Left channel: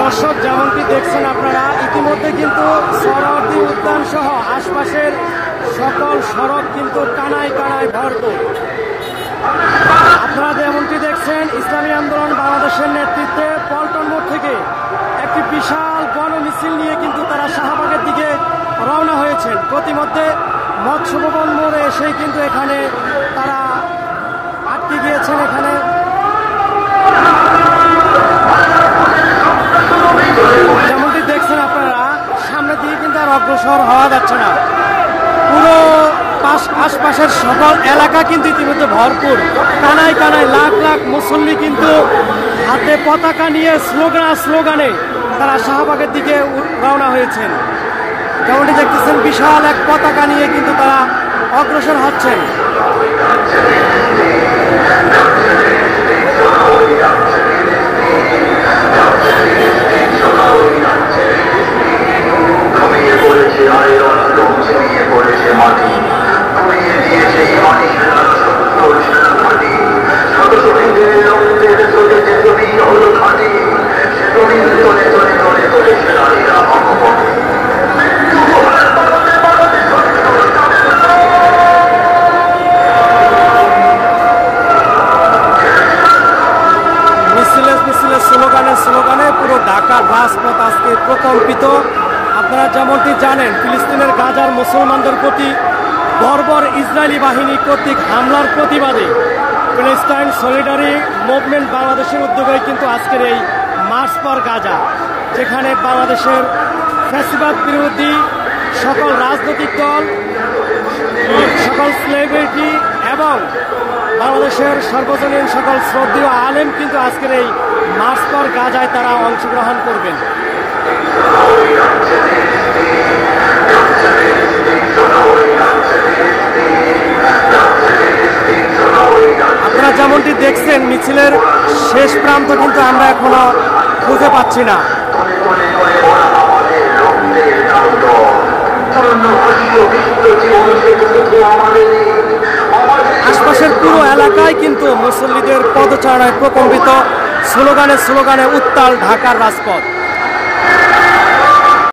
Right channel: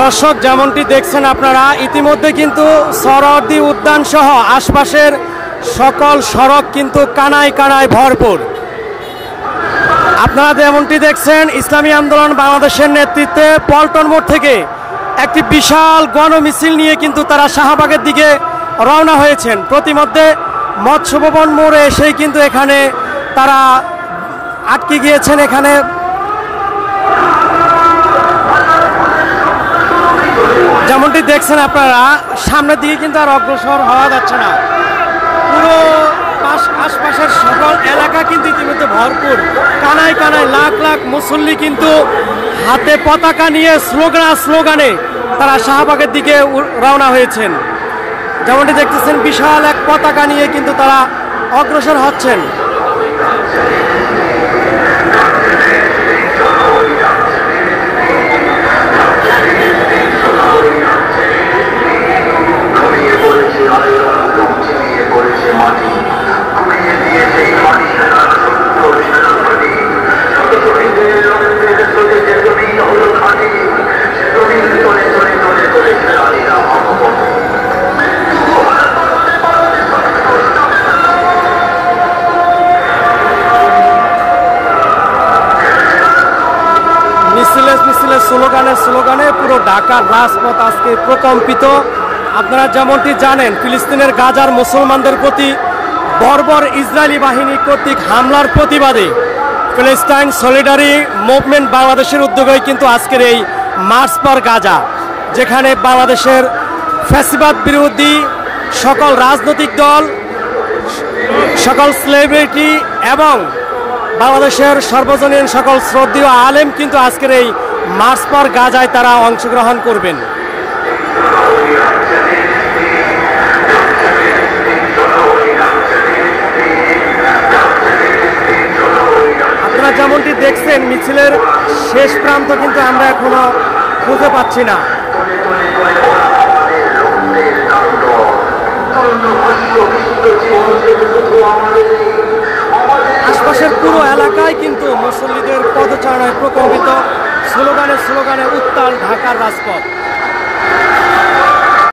দর্শক, যেমনটি দেখছেন আপনারা, ইতিমধ্যে কিন্তু সোহরাওয়ার্দী উদ্যান সহ আশপাশের সকল সড়ক কিন্তু কানায় কানায় ভরপুর। আপনারা যেমনটি দেখছেন, ইসলামী আন্দোলন বাংলাদেশের নেতৃত্বে পল্টন মোড় থেকে একটি বিশাল গণমিছিল নিয়ে কিন্তু তারা শাহবাগের দিকে রওনা হয়েছেন। প্রতিমধ্যে মৎস্য ভবন মোড়ে এসেই কিন্তু এখানে তারা আটকে গিয়েছেন। এখানে যেমনটি দেখছেন আপনারা, সামনের দিকে কিন্তু আর অগ্রসর হওয়া যাচ্ছে না। পুরো আশপাশের সকল এলাকা কিন্তু ইতিমধ্যে ভরপুর, কানায় কানায় লাখ লাখ মুসল্লি কিন্তু হাতে পতাকা নিয়ে স্লোগানে তারা শাহবাগের দিকে রওনা হয়েছেন। যেমনটি দেখতেছেন, বিশাল এক পতাকা নিয়ে কিন্তু তারা অগ্রসর হচ্ছেন। মাটি ঘুরিয়ে দিয়েছে পানি জমি হলো খাটি, জমি চলে চলে চলে চলে খেলাড়িরা অপপথে। মিছিলে স্লোগানে পুরো ঢাকার রাজপথ আজকে প্রকম্পিত। আপনারা যেমনটি জানেন, ফিলিস্তিনের গাজার মুসলমানদের প্রতি বর্বর ইসরায়েলি বাহিনী কর্তৃক হামলার প্রতিবাদে প্যালেস্টাইন সলিডারি মুভমেন্ট বাংলাদেশের উদ্যোগে কিন্তু আজকের এই মার্চ ফর গাজা, যেখানে বাংলাদেশের ফ্যাসিবাদ বিরোধী সকল রাজনৈতিক দল, সকল সেলিব্রিটি এবং বাংলাদেশের সর্বজনীন সকল শ্রদ্ধেয় আলেম কিন্তু আজকের এই মার্চ ফর গাজায় তারা অংশগ্রহণ করবেন। আপনারা যেমনটি দেখছেন, মিছিলের শেষ প্রান্ত কিন্তু আমরা এখনো খুঁজে পাচ্ছি না। আশপাশের পুরো এলাকায় কিন্তু মুসল্লিদের পদচারণায় প্রকম্পিত, স্লোগানে উত্তাল ঢাকার রাজপথ।